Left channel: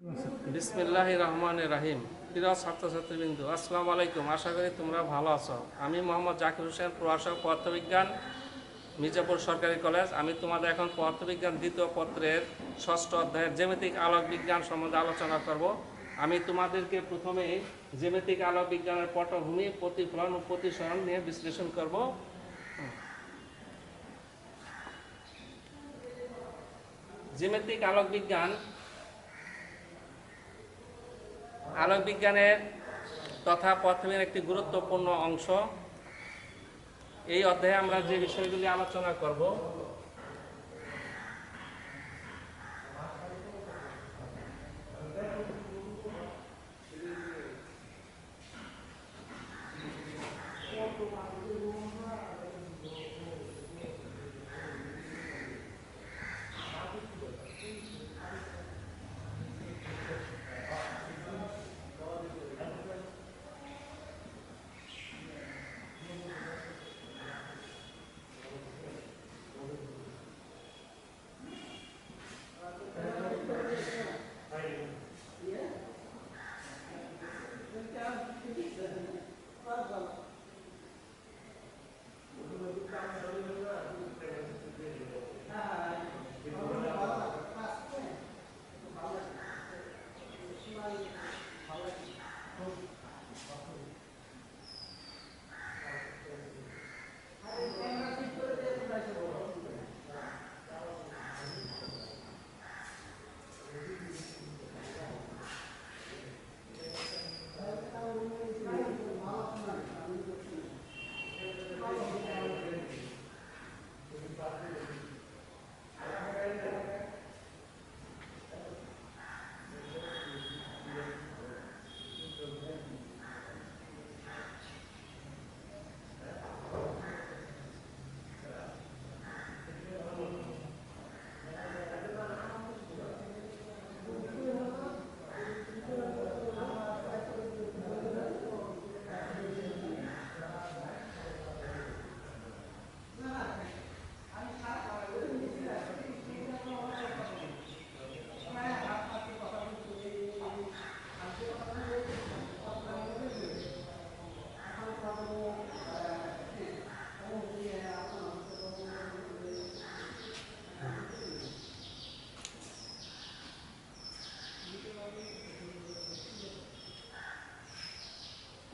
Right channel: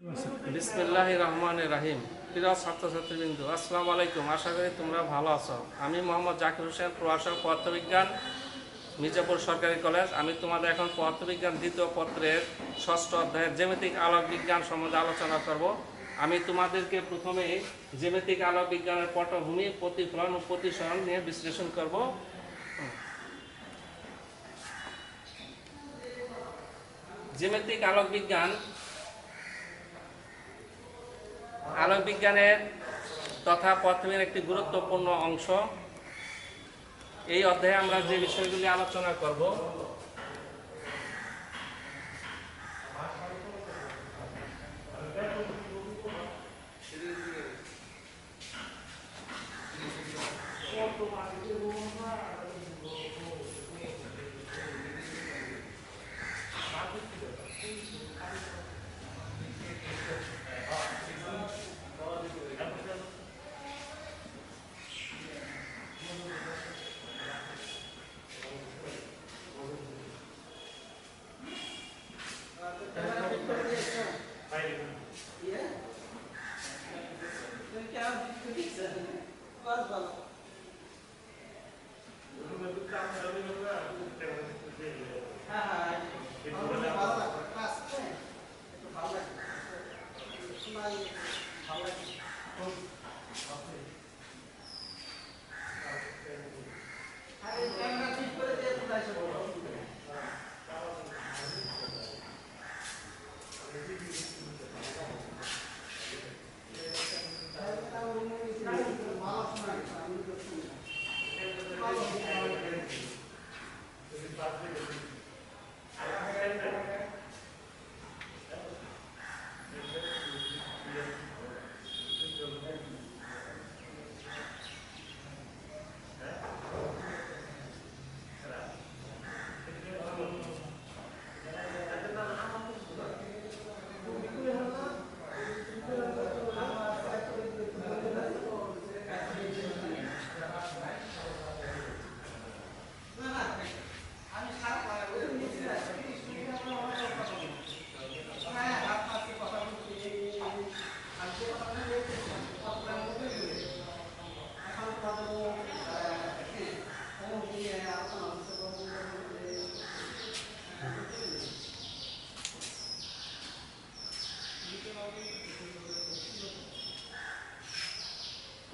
বিসমিল্লাহির রহমানির রহিম। প্রিয় ছাত্রছাত্রীবৃন্দ, আসসালামু আলাইকুম। আশা করি তোমরা ভালো আছো। আমি মোহাম্মদ জাকির হোসেন, প্রভাষক, পদার্থবিজ্ঞান, মির্জাপুর সরকারি কলেজ। আমি তোমাদের এখন পদার্থবিজ্ঞান দ্বিতীয় পত্রের ষষ্ঠ অধ্যায়ের জ্যামিতিক আলোক বিজ্ঞান সম্বন্ধে আলোচনা করব। আমি তোমাদেরকে প্রথমে জ্যামিতিক আলোক বিজ্ঞানের পটভূমি, প্রতিফলন ও প্রতিসরণ নিয়ে বিশ্লেষণ করব। জ্যামিতিক আলোক বিজ্ঞান আলোক বিজ্ঞানের তথা পদার্থবিজ্ঞানের একটি গুরুত্বপূর্ণ অংশ। এই অধ্যায়ে আমরা যে বিষয়গুলি আলোচনা করব,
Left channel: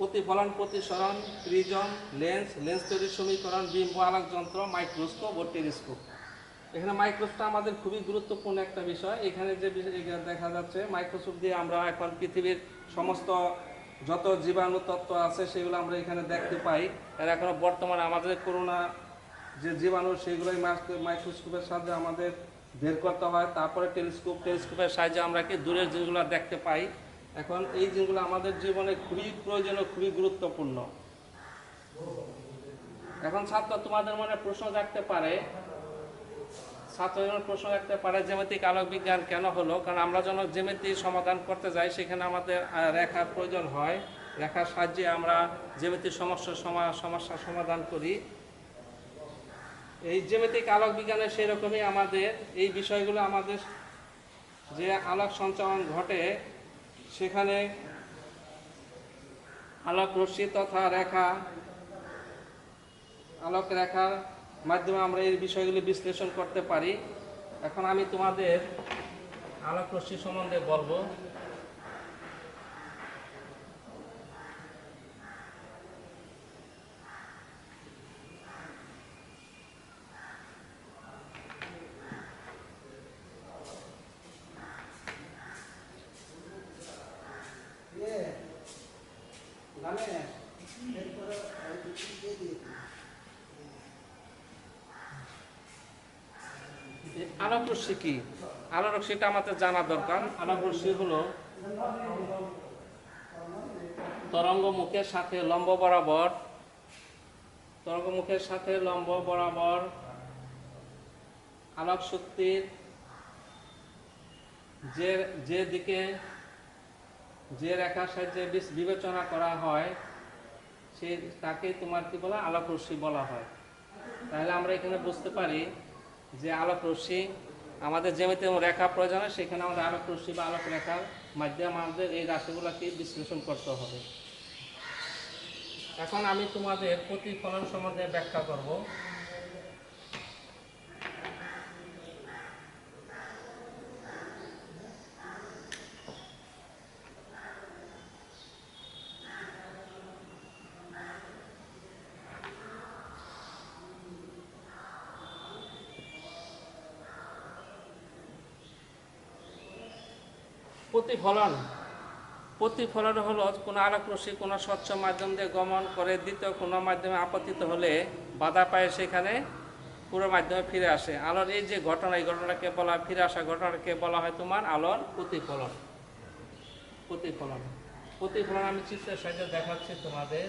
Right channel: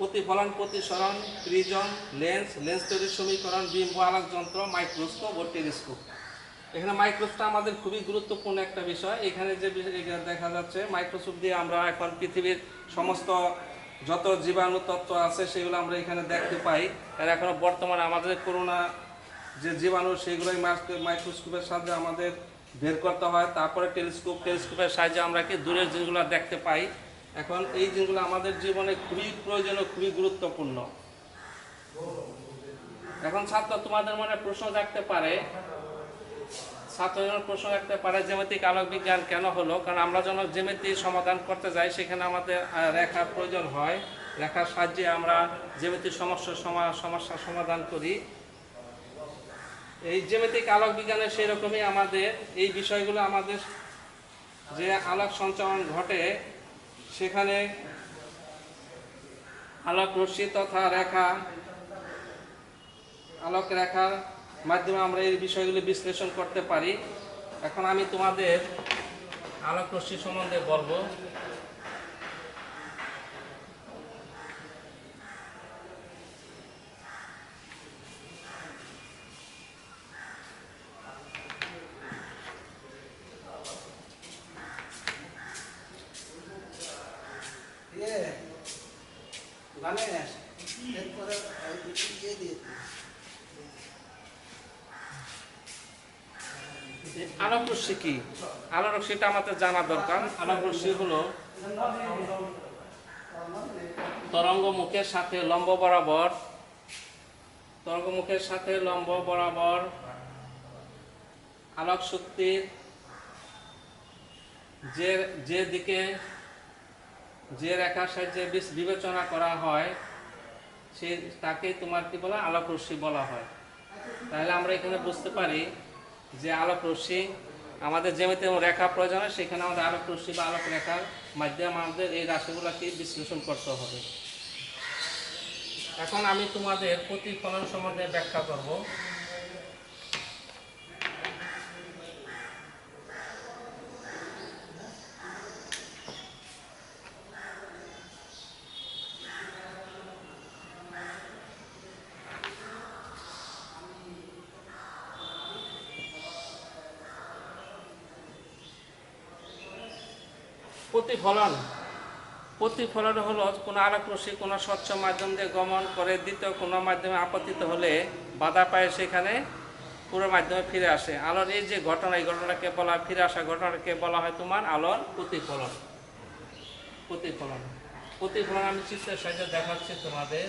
প্রতিফলন, প্রতিসরণ, প্রিজম, লেন্স, লেন্স তৈরির সমীকরণ, বিম্ব আলোক যন্ত্র, মাইক্রোস্কোপ ও টেলিস্কোপ। এখানে মাইক্রোস্কোপটা আমাদের খুবই গুরুত্বপূর্ণ একটা বিষয়। এখানে যে দেখা যাচ্ছে, মাইক্রোস্কোপ দিয়ে আমরা এখন পৃথিবীর সমস্ত যত জীবাণু তত্ত্ব আছে সেগুলো আমরা এখানে দেখতে পাই। আর এখনো বর্তমানে আমাদের করোনা যে জীবাণু, সেগুলোই মাইক্রোস্কোপের সাহায্যে আমাদের বের করতে হয়। তারপরে টেলিস্কোপের সাহায্যে আমরা কি দূরের জিনিসগুলো দেখতে পাই। এখন এই জিনিসগুলো আমাদের জীবনে খুবই প্রয়োজনীয়, খুবই গুরুত্বপূর্ণ। এখন ছাত্র তোমাদের মনে প্রশ্ন জাগতে পারে, জ্যামিতিক আলোক বিজ্ঞান কেন হলো? কারণ আমরা যখন জ্যামিতি সমাধান করতে যাই, সেখানে আমাদের রেখার প্রয়োজন হয়। রেখার সাহায্যে আমরা জ্যামিতির সমস্যার সমাধান করি। এই জ্যামিতিক আলোক বিজ্ঞানের সেই রকমই আমাদের এই বিষয়গুলো, আমাদের যে আলোক সঞ্চালন ঘটে সেখানে আলোক রশ্মি তথা আলোক রেখার মাধ্যমে আমরা এই বিষয়গুলি বিশ্লেষণ করতে পারি। এখন আমি তোমাদের আলোক রশ্মি সম্বন্ধে বলবো। আলোক রশ্মি কি? আলোক রশ্মিটা আমাদের জানা দরকার। আলোক রশ্মি হলো তরঙ্গ মুখের সাথে লম্ব বরাবর আলোক শক্তির যে দিকে যে রেখার সাহায্যে বিবেচনা করা হয়, সে তাকে তোমার কি বলা, আলোক রশ্মি বলা হয়। তাহলে আমরা এখানে বুঝতে পারি যে আলোক রশ্মি আমাদের জ্যামিতিক রেখা প্রয়োজন হয়, সেখানে আমাদের আলোক রশ্মি বা আলোক রেখার মাধ্যমে আমাদের এই রাশিগুলোকে বিশ্লেষণ করতে হবে। এখন আমি তোমাদের প্রতিফলন সম্বন্ধে ব্যাখ্যা করব। প্রতিফলন প্রতিফলন হলো কোনো আলোক রশ্মি কোনো স্বচ্ছ মাধ্যম দিয়ে গমন করে দ্বিতীয় কোনো মাধ্যমে আপতিত হলে বাধা পায় সেখানে পুরো মাধ্যমে ফিরে আসে। আলোর এই যে ঘটনা, এই ঘটনাকে বলা হয়, ফিরে আসা ঘটনাকে বলা হয় তোমার আলোর প্রতিফলন। প্রতিফলন প্রতিফলন আমি চিত্রের সাহায্যে দেখাচ্ছি তোমাদের।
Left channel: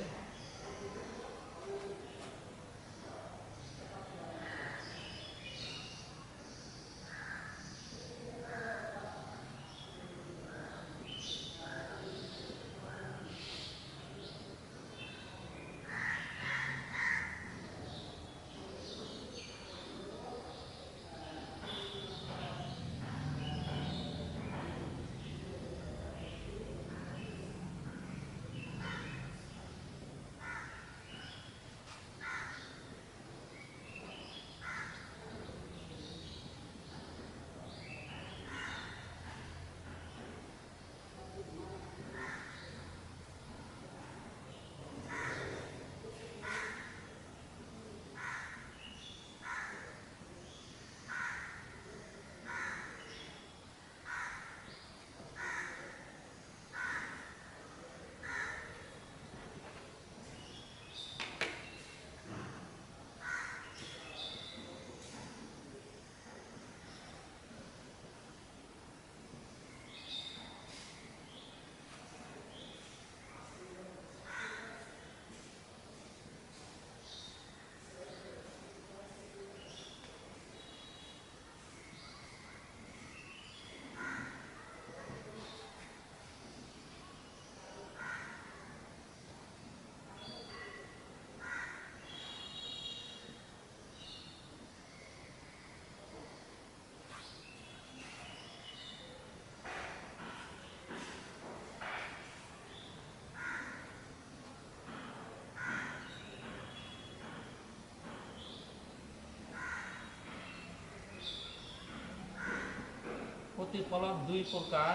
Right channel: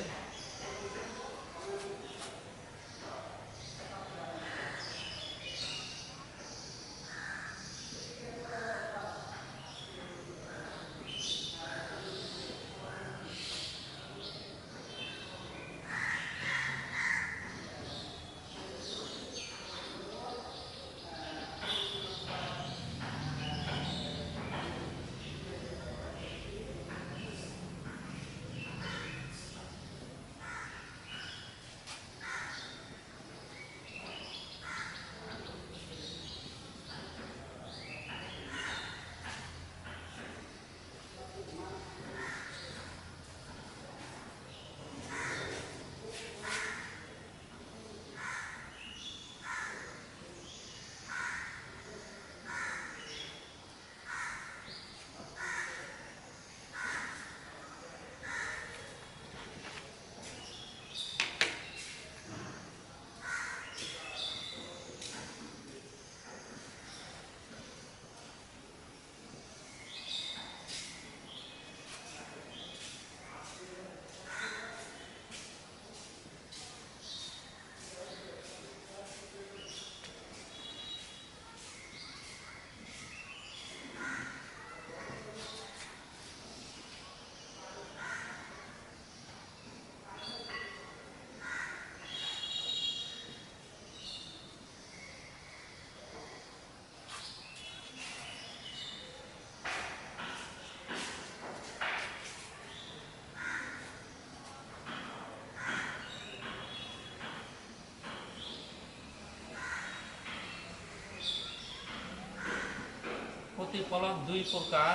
প্রতিফলন দুই প্রকার।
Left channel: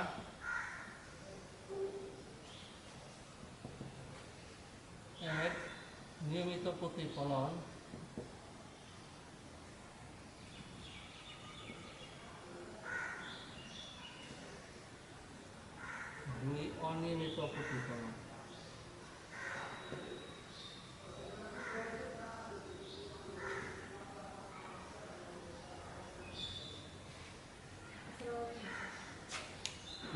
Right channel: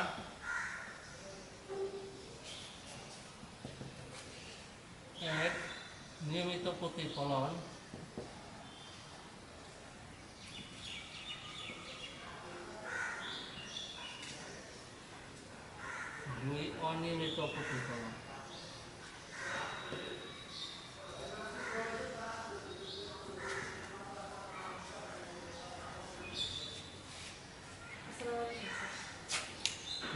এক, নিয়মিত প্রতিফলন। দুই, অনিয়মিত প্রতিফলন।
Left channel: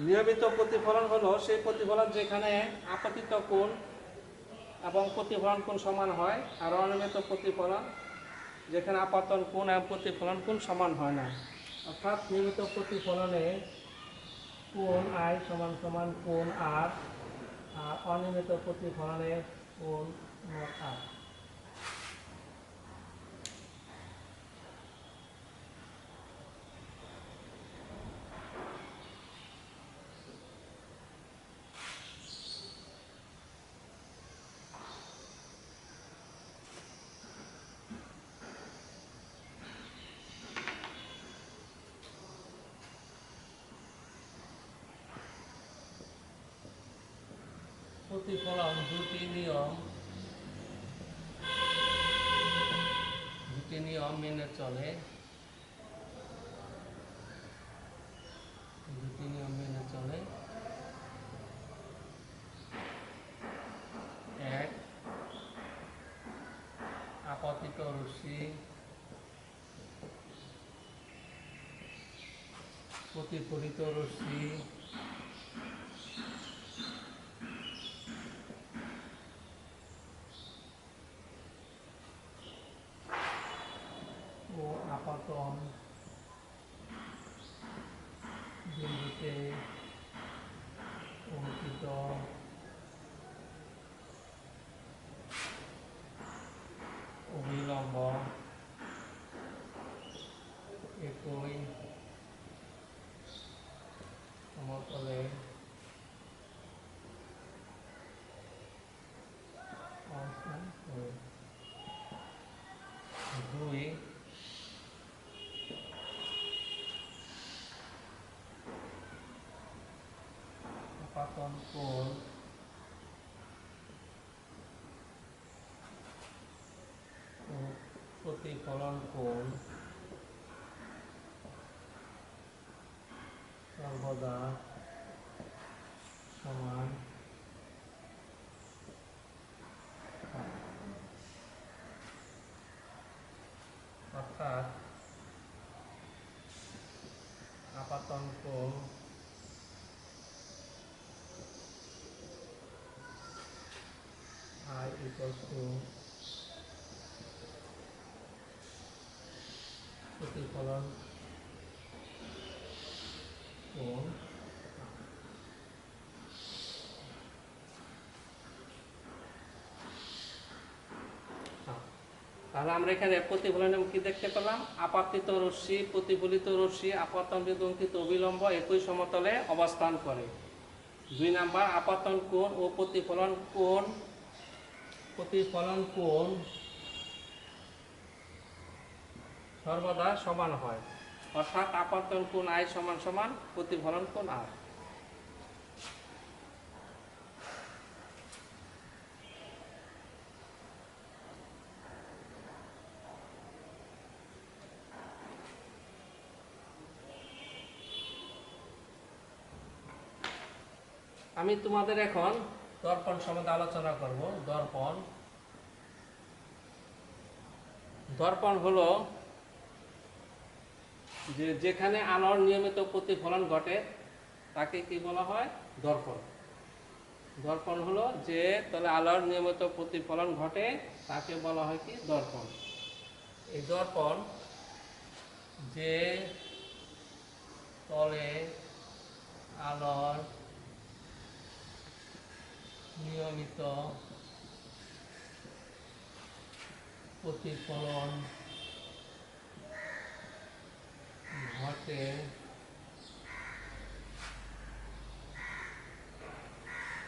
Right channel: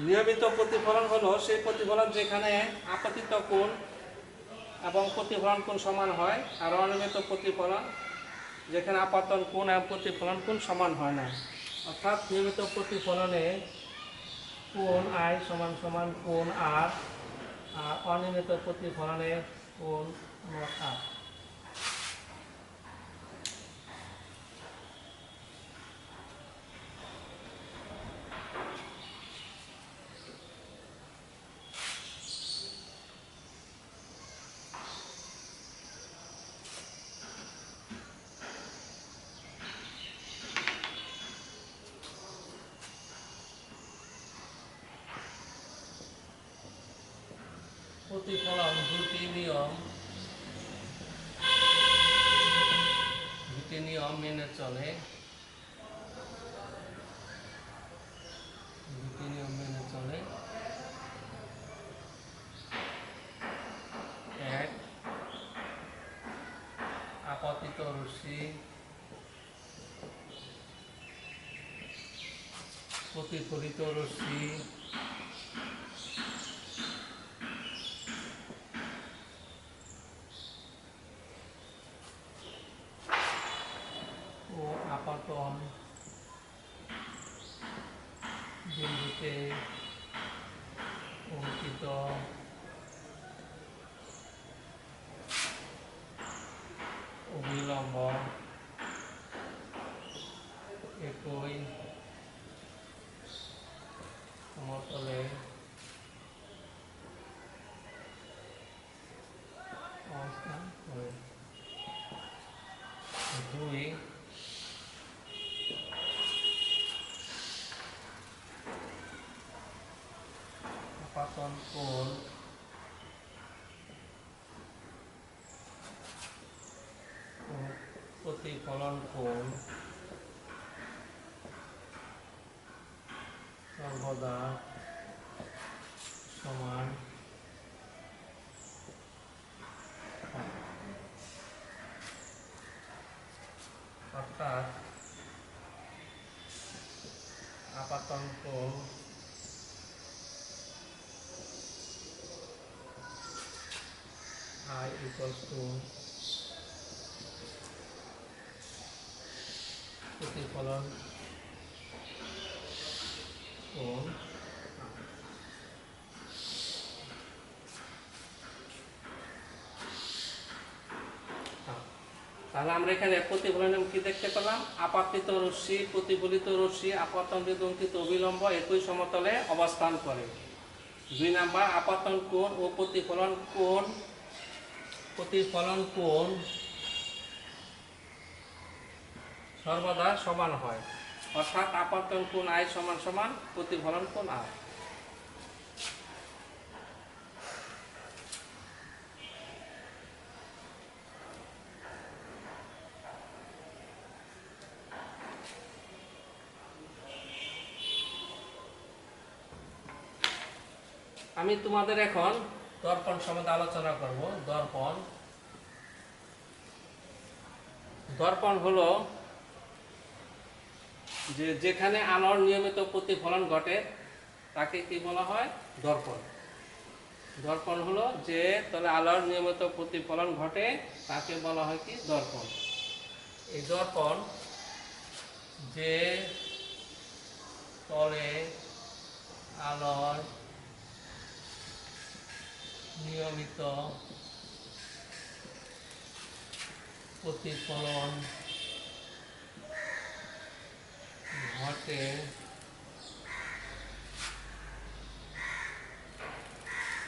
নিয়মিত প্রতিফলন হলো সেই প্রতিফলন যেখানে আপতিত কোণ এবং প্রতিফলন কোণ সমান হয়, আর অনিয়মিত প্রতিফলন যেখানে আপতন কোণ এবং প্রতিফলন কোণ সমান হয় না। অর্থাৎ নিয়মিত প্রতিফলনে কোণ আই সমান সমান কোণ আর, আর অনিয়মিত প্রতিফলনে কোণ নট আর। প্রতিফলন দুটি নিয়ম মেনে চলে। দুটি নিয়ম মেনে চলে। এক, আপতিত রশ্মি প্রতিফলিত রশ্মি ও আপতন বিন্দুতে অঙ্কিত অবিলম্ব একই আপাতন কোণ ও প্রতিফলন কোণ সর্বদা সমান হয়। অর্থাৎ আপাতন কোণ I equals to প্রতিফলন কোণ। তাহলে আমরা এখানে প্রতিফলন কি দেখতে পেলাম? আপাতিত রশ্মি, প্রতিফলিত রশ্মি আপতন বিদঙ্কিত অবিলম্ব একই সমতলে অবস্থান করে। 2 নাম্বার, আপাতন কোণ ও প্রতিফলন কোণ সর্বদা সমান হয়। অর্থাৎ আপাতন কোণ I সমান সমান প্রতিফলন কোণ R। আমি তোমাদের এখন দর্পণ সম্বন্ধে আলোচনা করব। দর্পণ হলো যেখানে আলোর নিয়মিত প্রতিফলন ঘটে তাকে কি বলা হয়? দর্পণ। দর্পণ হলো যে তলে আলোর নিয়মিত প্রতিফলন ঘটে তাকে বলা হয় কি? দর্পণ। এই দর্পণ যে তলে আলোর নিয়মিত প্রতিফলন ঘটে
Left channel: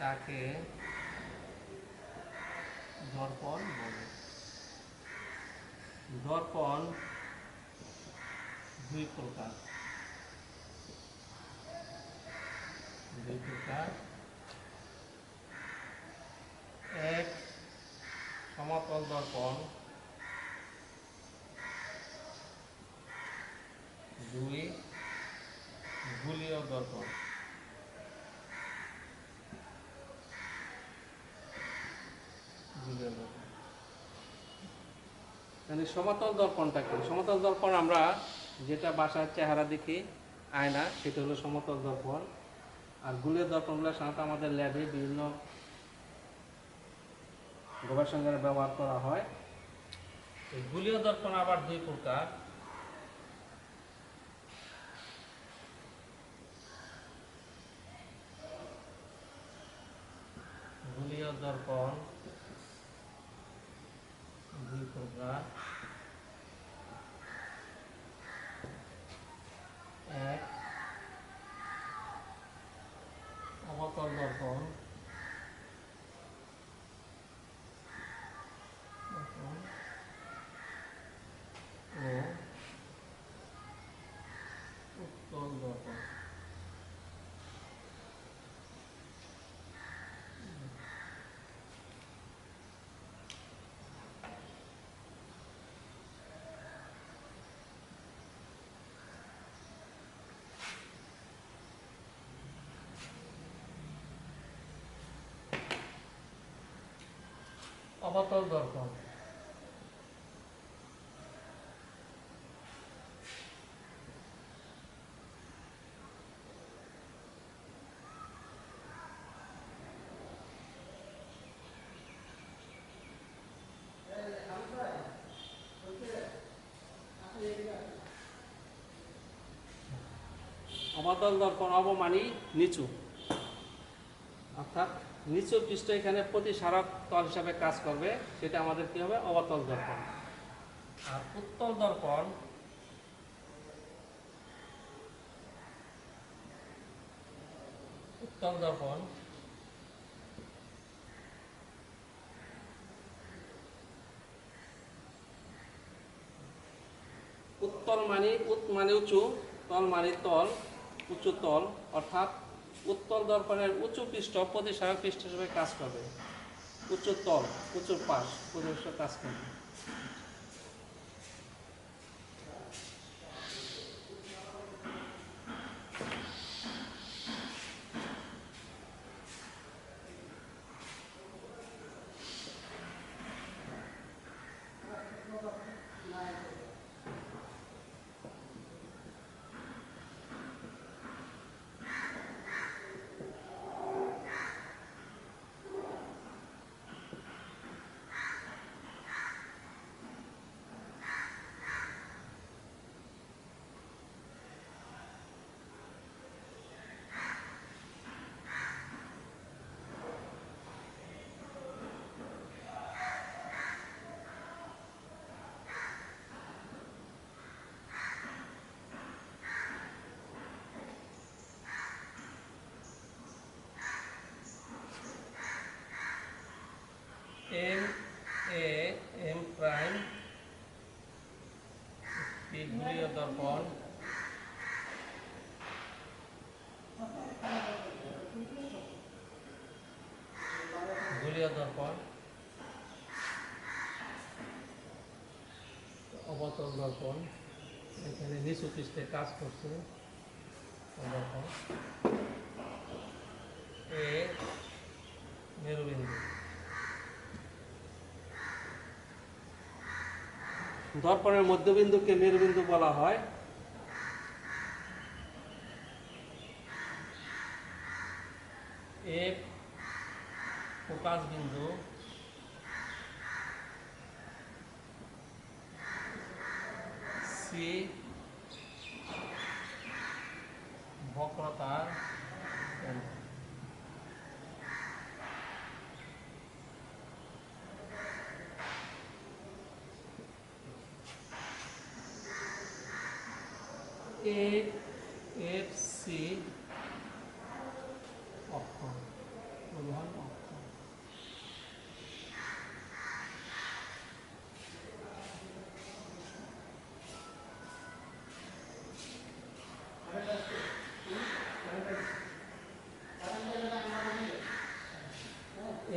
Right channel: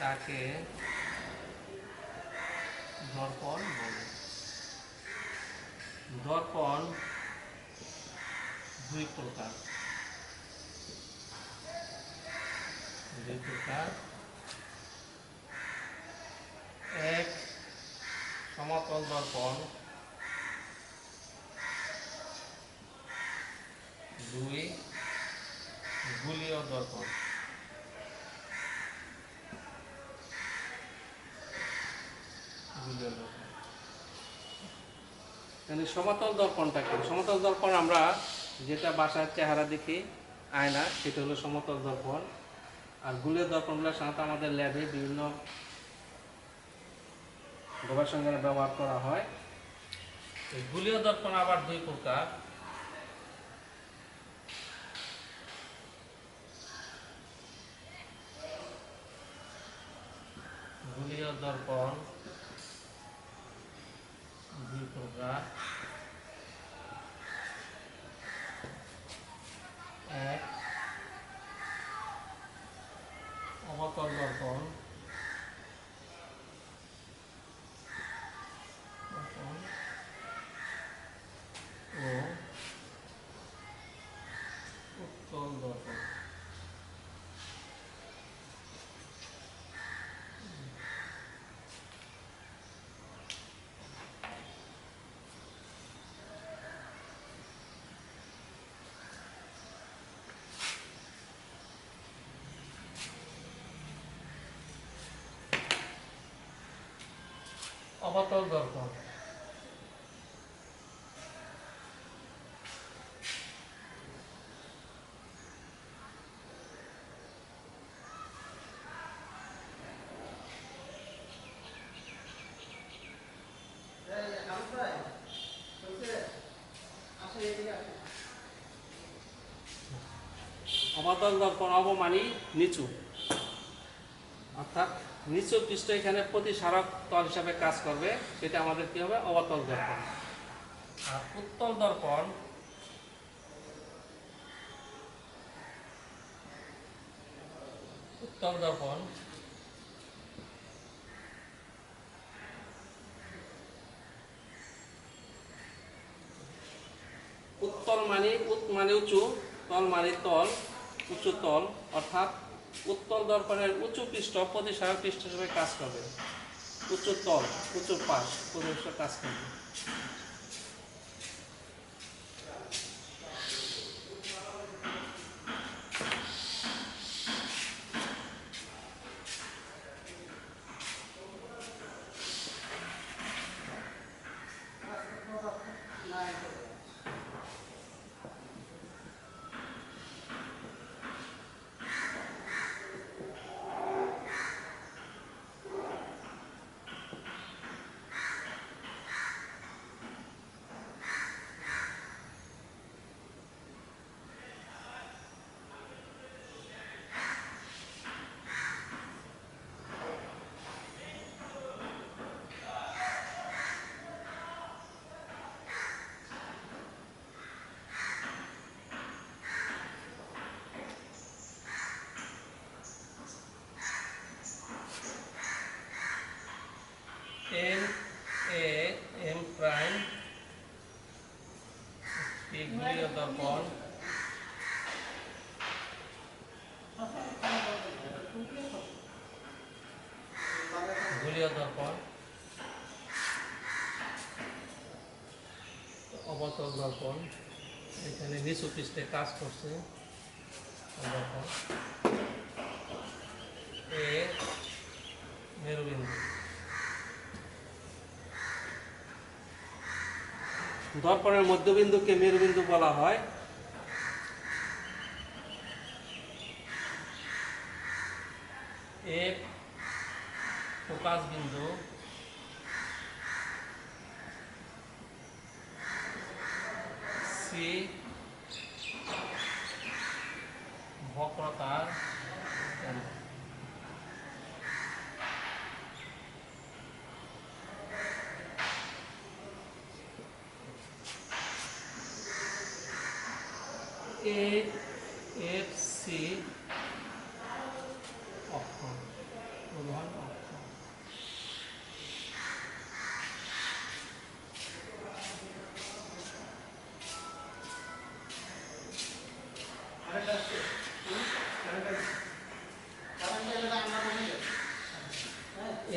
তাকে দর্পণ বলে। দর্পণ 2 প্রকার। এক, সমতল দর্পণ। 2, গোলীয় দর্পণ। সমতল দর্পণটা কি? সমতল দর্পণ আমরা যেটা বাসার চেহারা দেখি আয়না, সেটা হলো সমতল দর্পণ। আর গোলীয় দর্পণগুলো সাধারণত আমাদের ল্যাবে বিভিন্ন গবেষণাগারে ব্যবহার করা হয়। এই গোলীয় দর্পণ আবার 2 প্রকার। গোলীয় দর্পণ 2 প্রকার। এক, অবতল দর্পণ। ও উত্তল দর্পণ। অবতল দর্পণ অবতল দর্পণ অবমানী নিচু, অর্থাৎ নিচু পৃষ্ঠ এখানে প্রতিসারক তল হিসাবে কাজ করবে, সেটা আমাদের কি হবে? অবতল দর্পণ। আর উত্তল দর্পণ উত্তল দর্পণ উত্তল মানে উৎ মানে উঁচু, তল মানে তল, উঁচু তল, অর্থাৎ উত্তল দর্পণের উঁচু পৃষ্ঠ প্রতিসরণ পৃষ্ঠ হিসেবে কাজ করবে, উঁচু তল উঁচু পাশ প্রতিসরণ কাজ করবে। এম এ এম প্রাইম গুলীয় দর্পণ অবতল দর্পণ এখানে নিচু পৃষ্ঠে কাজ করছে। দর্পণ এ মেরুবিন্দু, দর্পণের মধ্যবিন্দুকে মেরুবিন্দু বলা হয়। এফ ফোকাস বিন্দু, সি বক্রতার কেন্দ্র। এ এফ সি অক্ষ, প্রধান অক্ষ।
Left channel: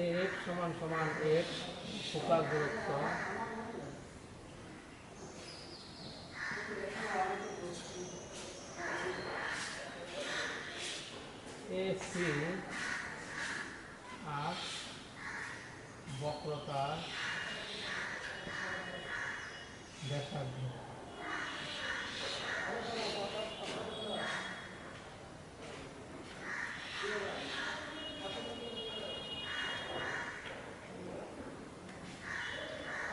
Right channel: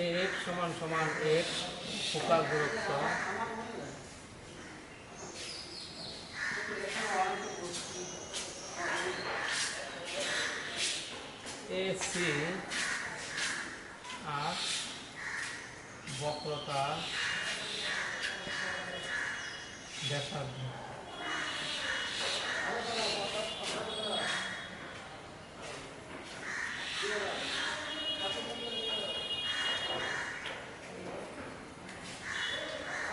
এফ সমান সমান এফ ফোকাস দূরত্ব, এসি আর বক্রতা ব্যাসার্ধ।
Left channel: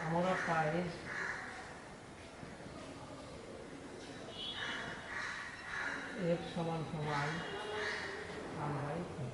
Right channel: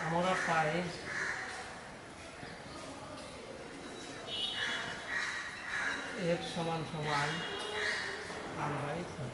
আমরা পাই এফ সমান সমান r/4।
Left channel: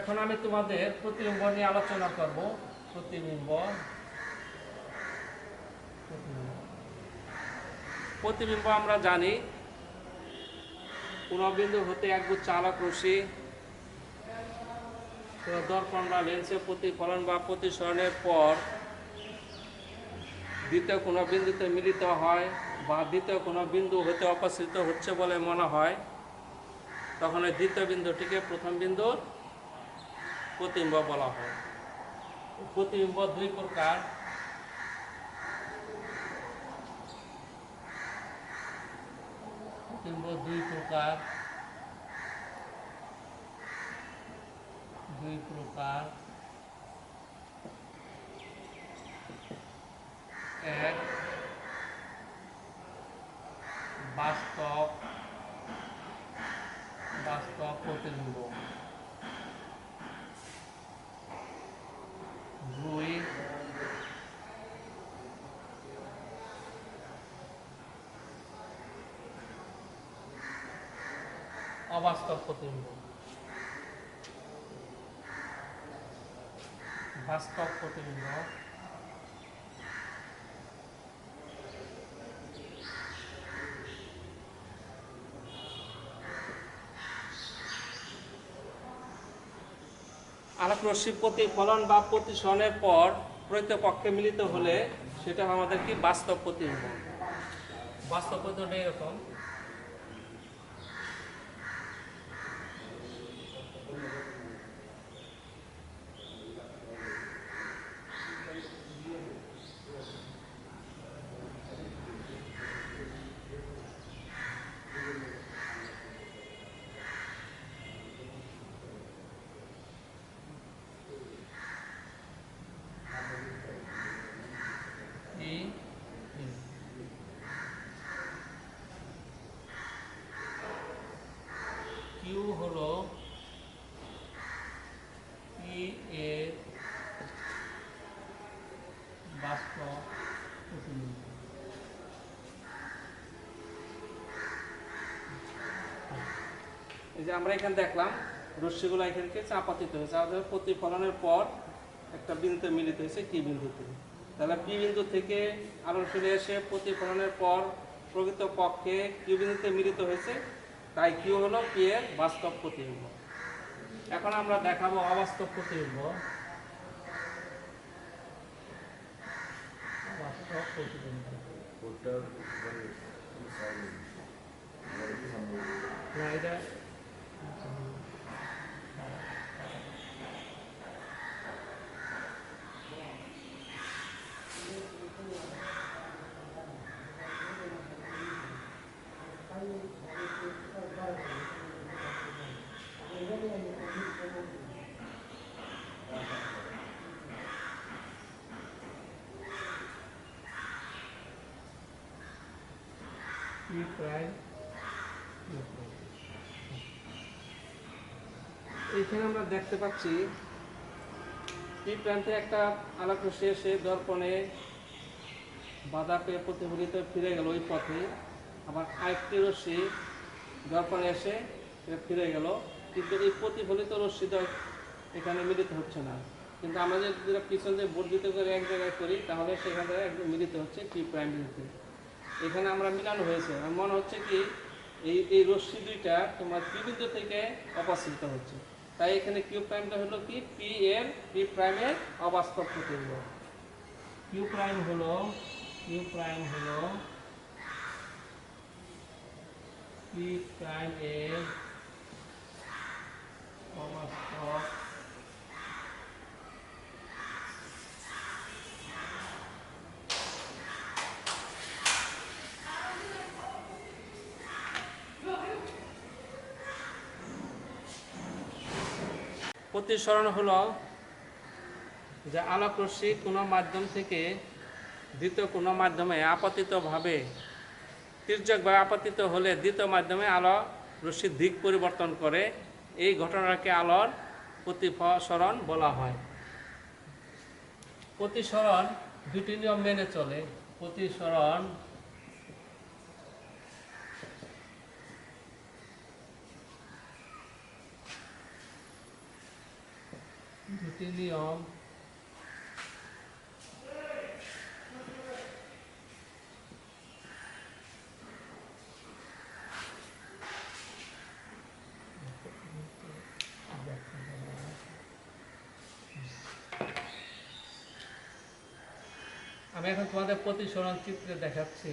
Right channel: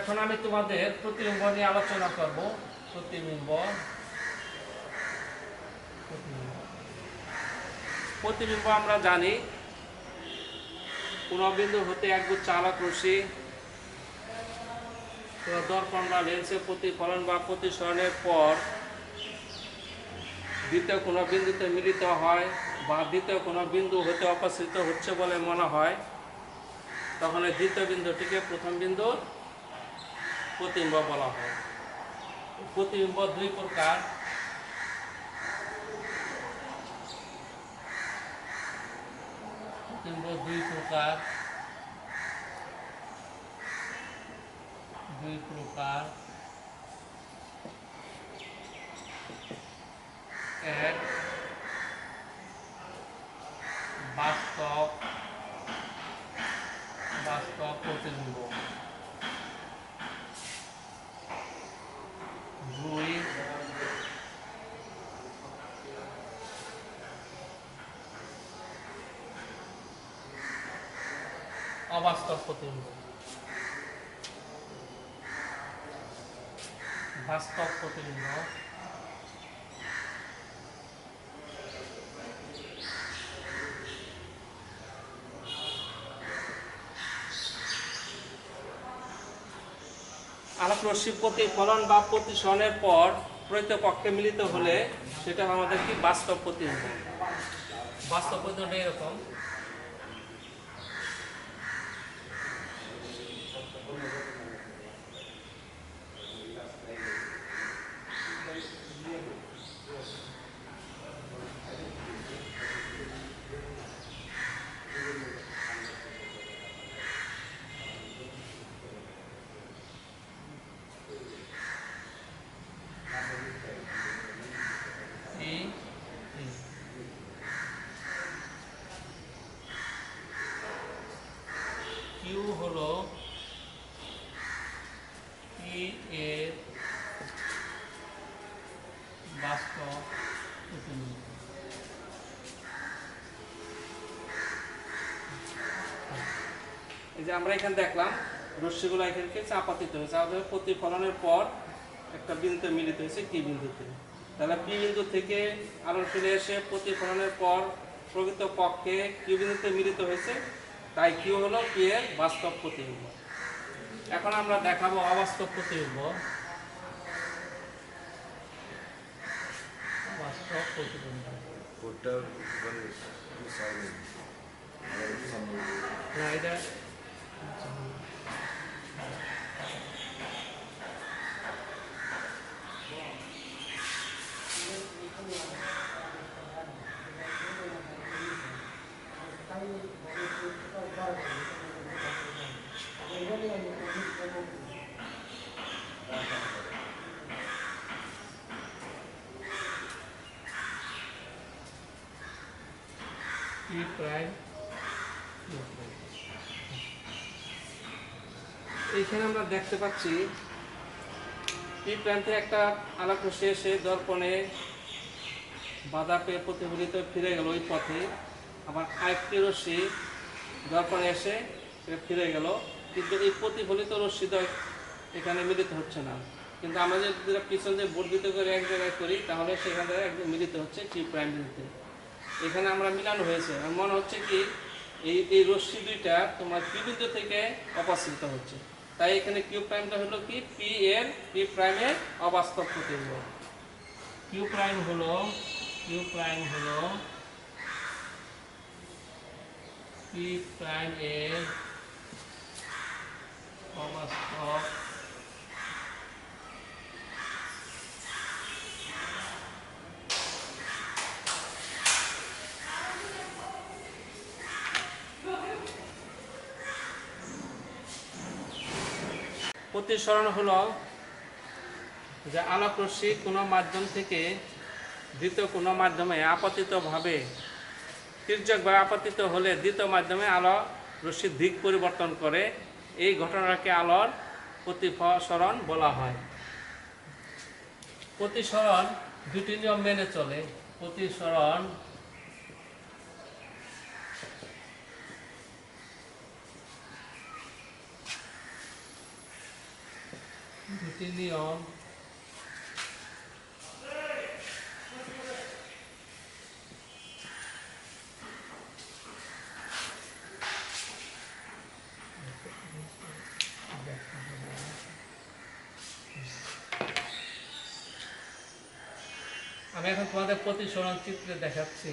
এখন আমি তোমাদের প্রতিবিম্ব নিয়ে আলোচনা করব। প্রতিবিম্ব প্রতিবিম্ব আমরা জানি কোন বিন্দু হতে একগুচ্ছ আলোক রশ্মি দর্পণ বা লেন্সে প্রতিফলন বা প্রতিসরণের পর দ্বিতীয় কোনো বিন্দুতে মিলিত হয় বা দ্বিতীয় কোনো বিন্দু হতে অপসৃত হচ্ছে বলে মনে হয়, তখন এই দ্বিতীয় বিন্দুটিকে প্রথম বিন্দুর প্রতিবিম্ব বলা হয়। প্রতিবিম্ব দুই প্রকার, প্রতিবিম্ব দুই প্রকার, এক বাস্তব প্রতিবিম্ব, দুই অবাস্তব প্রতিবিম্ব। বাস্তব প্রতিবিম্ব আলোক রশ্মি প্রতিফলন বা প্রতিসরণের পর প্রকৃতপক্ষে মিলিত হলে সেটা আমাদের কি বাস্তব প্রতিবিম্ব। বাস্তব প্রতিবিম্ব এরকম, কিউ হলো পি এর বাস্তব প্রতিবিম্ব। এই যে আমরা এখানে দেখলাম রশ্মিগুলো এখানকে চাপাতিত হয়েছে, আমাদের প্রতিফলনের পর একটা বিন্দুতে মিলিত হয়েছে টি বিন্দুতে। তাহলে পি বিন্দু থেকে আলো ফিরে এসে প্রতিফলনের পর প্রকৃত পক্ষে কিউ বিন্দুতে মিলিত হয়েছে, তাই কিউ হলো পি এর বাস্তব প্রতিবিম্ব। এখন আমরা দেখাবো অবাস্তব প্রতিবিম্ব। অবাস্তব প্রতিবিম্ব না, এটা পি প্রাইম। এইখানে আমরা দেখতে পাচ্ছি পি প্রাইম থেকে একটা আলোক রশ্মি এসে দর্পণে বাধা পেয়ে প্রতিফলিত ফিরে গেল ওই পথে, আবার আরেকটি রশ্মি দর্পণে এসে সেটা ফিরে গেল, কিন্তু এই প্রতিফলিত রশ্মিদ্বয় এখানে মিলিত হচ্ছে না। কিন্তু আমরা যদি পিছন দিয়ে বর্ধিত করে এক জায়গায় করি তাহলে সেখান থেকে একদম মিলিত হচ্ছে টি প্রাইম বিন্দুতে। এখানে আমরা মিলানো হয়েছে, আর মনে হচ্ছে কি এই রশ্মি দুইটা তোমার পি বিন্দু থেকে অপসৃত হচ্ছে, তাই এখানে কিউ প্রাইমটা হলো কি পি প্রাইমের অবাস্তব প্রতিবিম্ব। কিউ প্রাইম হলো পি প্রাইম এর অবাস্তব প্রতিসরণ হলো যে আলোক রশ্মি কোনো মাধ্যম থেকে দ্বিতীয় কোনো মাধ্যমে আপতিতভাবে তির্যকভাবে আপতিত হলে দ্বিতীয় মাধ্যমে আলো রশ্মির দিক পরিবর্তন করে, এই ঘটনাকে আলোর প্রতিসরণ বলা হয়। প্রতিসরণ দুটি নিয়ম মেনে চলে। প্রতিসরণ দুটি নিয়ম আমি এখন তোমাদের প্রতিসরণ চিত্রে দেখাচ্ছি।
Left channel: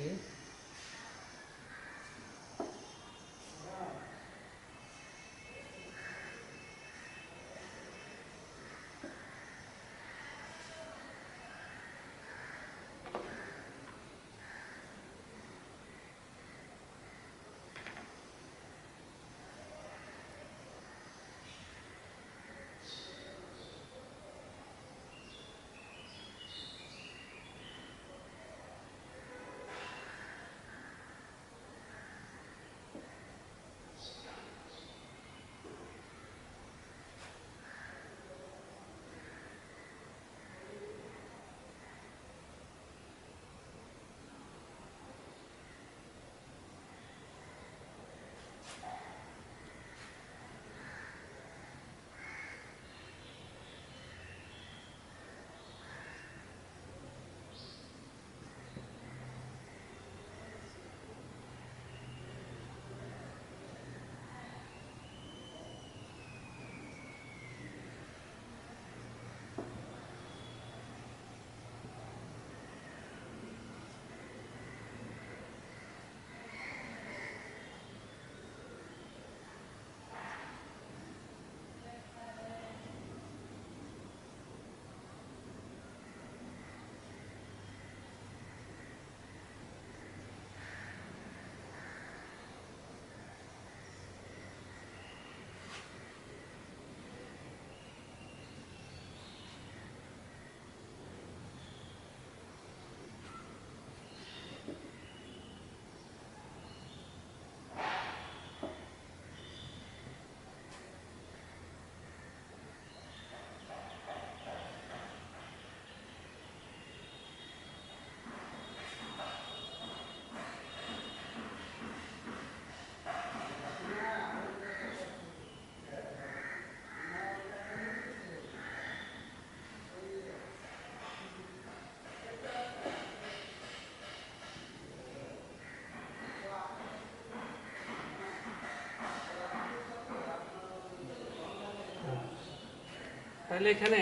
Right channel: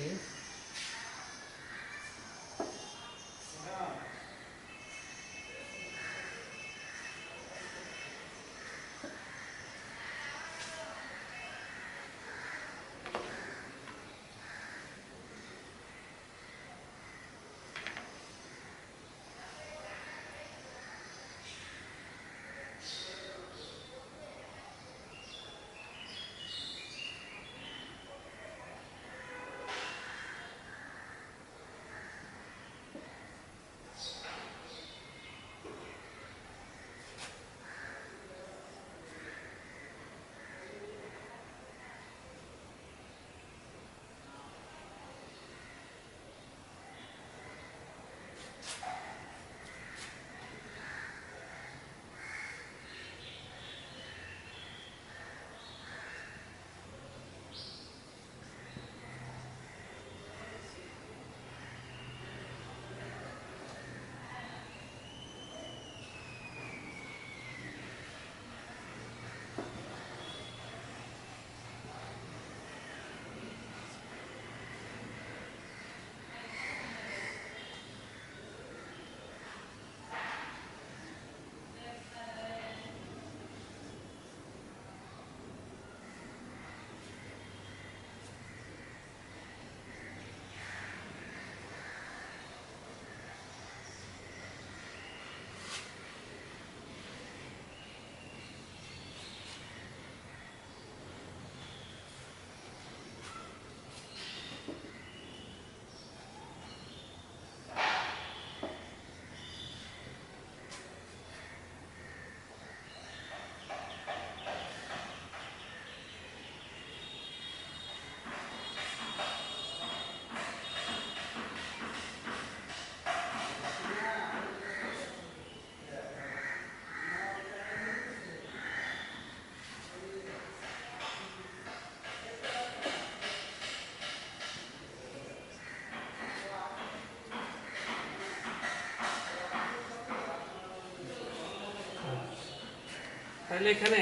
তাহলে এখানে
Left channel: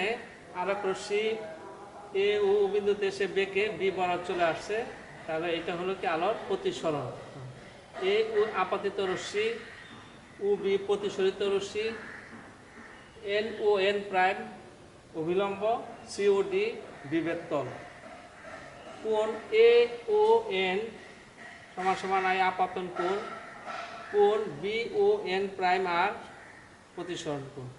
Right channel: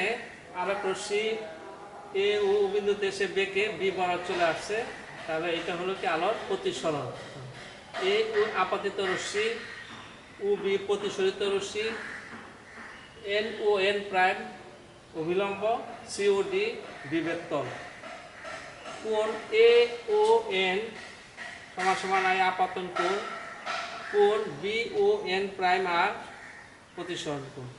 আর এক রশ্মি এ ও বিন্দুতে এসে বেঁকে বি বরাবর চলে আসছে, তাহলে এটা হলো কি আলোর প্রতিসরণ। এ ও আপাতিত রশ্মি, ও বি প্রতিসরিত রশ্মি, এন ও এন প্রাইম অভিলম্ব, সি ও ডি বিভেদ তল। কোণ এ ও এন সমান সমান আই আপাতন কোণ, কোণ বি ও এন প্রাইম আর প্রতিসরণ কোণ।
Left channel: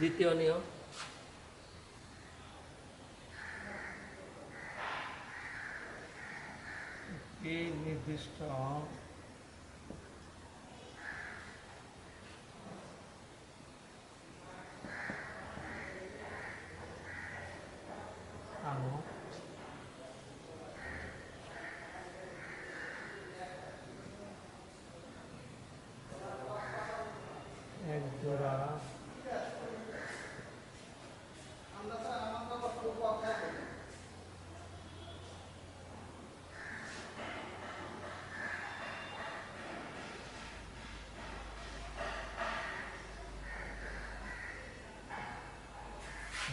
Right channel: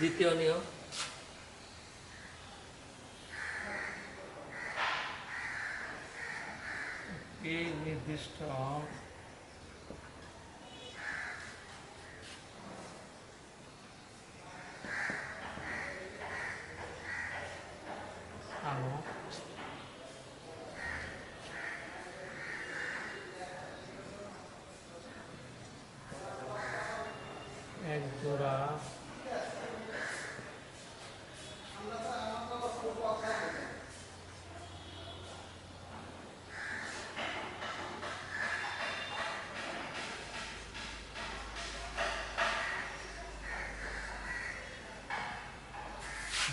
দ্বিতীয় নিয়ম, এই নির্দিষ্ট আলো এক জোড়া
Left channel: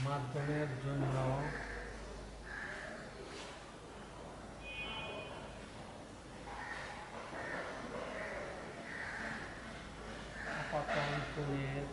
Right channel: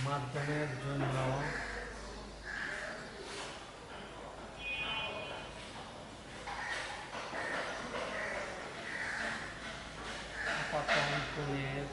মাধ্যমের জন্য আপাতন কোণের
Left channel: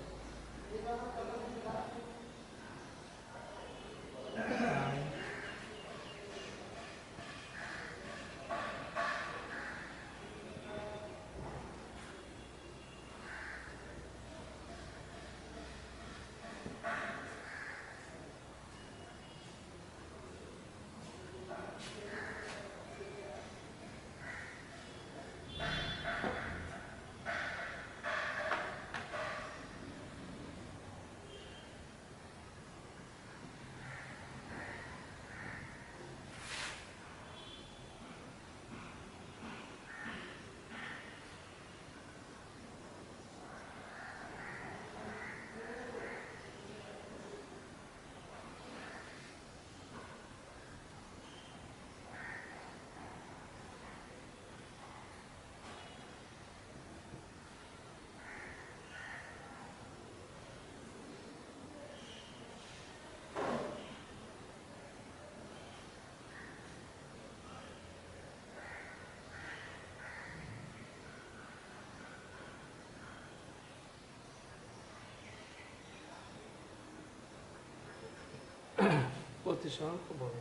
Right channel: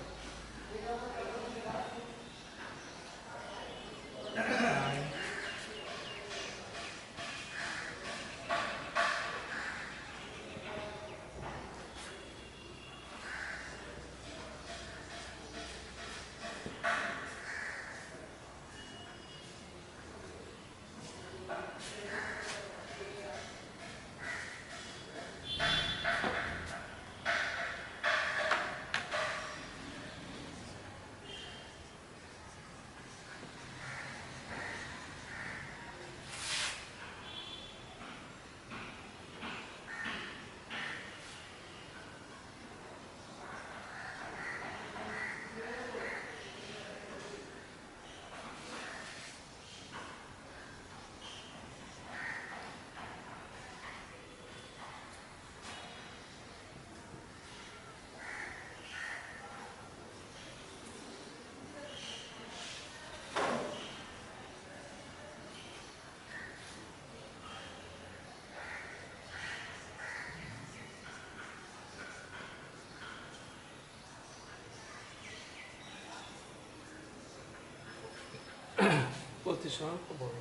প্রতিসরণ বলে।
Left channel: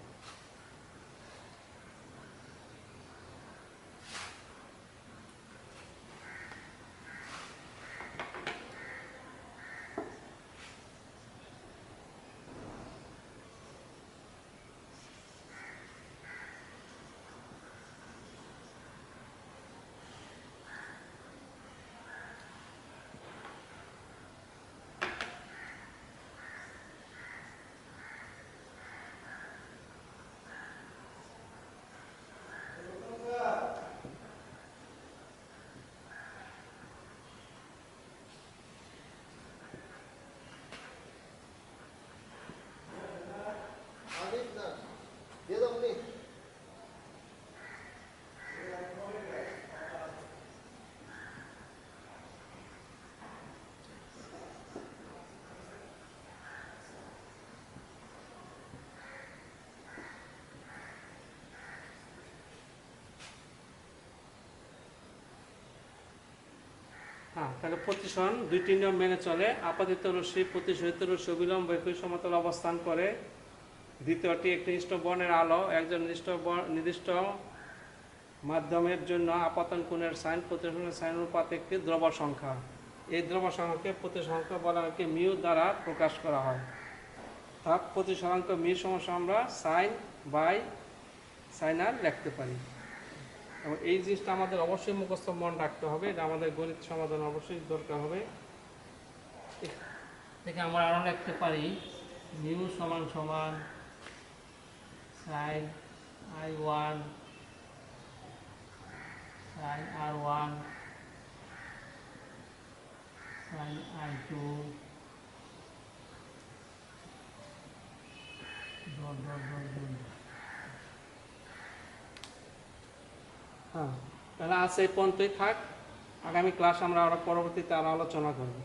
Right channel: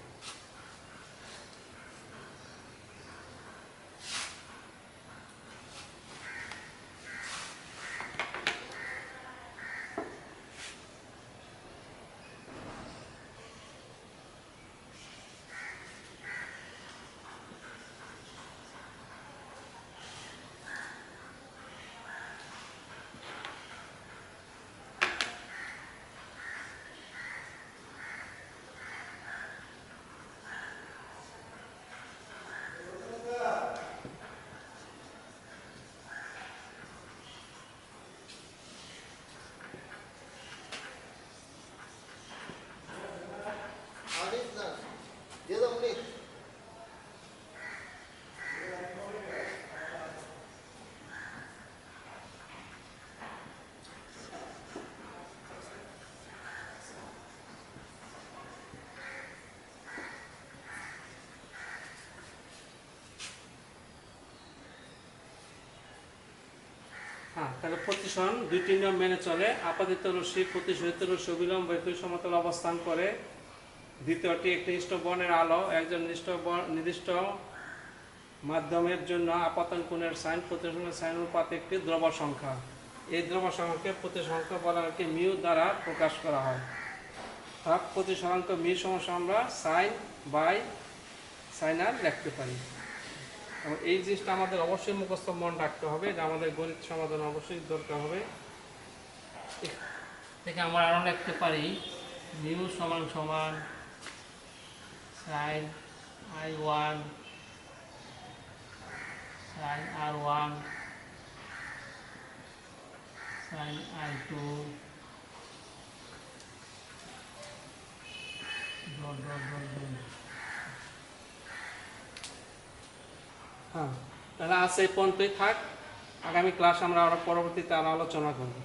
তাহলে প্রতিসরণ দুইটি নিয়ম মেনে চলে। আপাতিত রশ্মি প্রতিসরিত রশ্মি অবিলম্বে একই সমতল অবস্থান করে। দ্বিতীয়টি একটি নির্দিষ্ট বর্ণের আলো একজন নির্দিষ্ট মাধ্যমের জন্য আপাতন কোণের সাইন প্রতিসরণের সাইন অনুপাত একটি ধ্রুব সংখ্যা। এই ধ্রুব সংখ্যাকে প্রতিসরাঙ্ক বলাকে মিউ দ্বারা প্রকাশ করা হয়। অর্থাৎ প্রতিসরাঙ্ক মিউ সমস্যা আমরা সাইন বাই সাইন আর লিখতে পারি। এবং এই জিনিসটা আমাদের অবশ্যই মুখস্থ মন রাখতে হবে, এটা আমাদের গণিত সমাধান অবশ্যই দরকার হবে। থেকে আমরা আরও লিখতে পারি মিউ সমান সমান sine I1 sine R1 sine I2 dot dot dot dot. হ্যাঁ, তাহলে আজ এই পর্যন্তই থাক। আগামী ক্লাস আমরা আরো পরবর্তীতে আরো আলোচনা করব।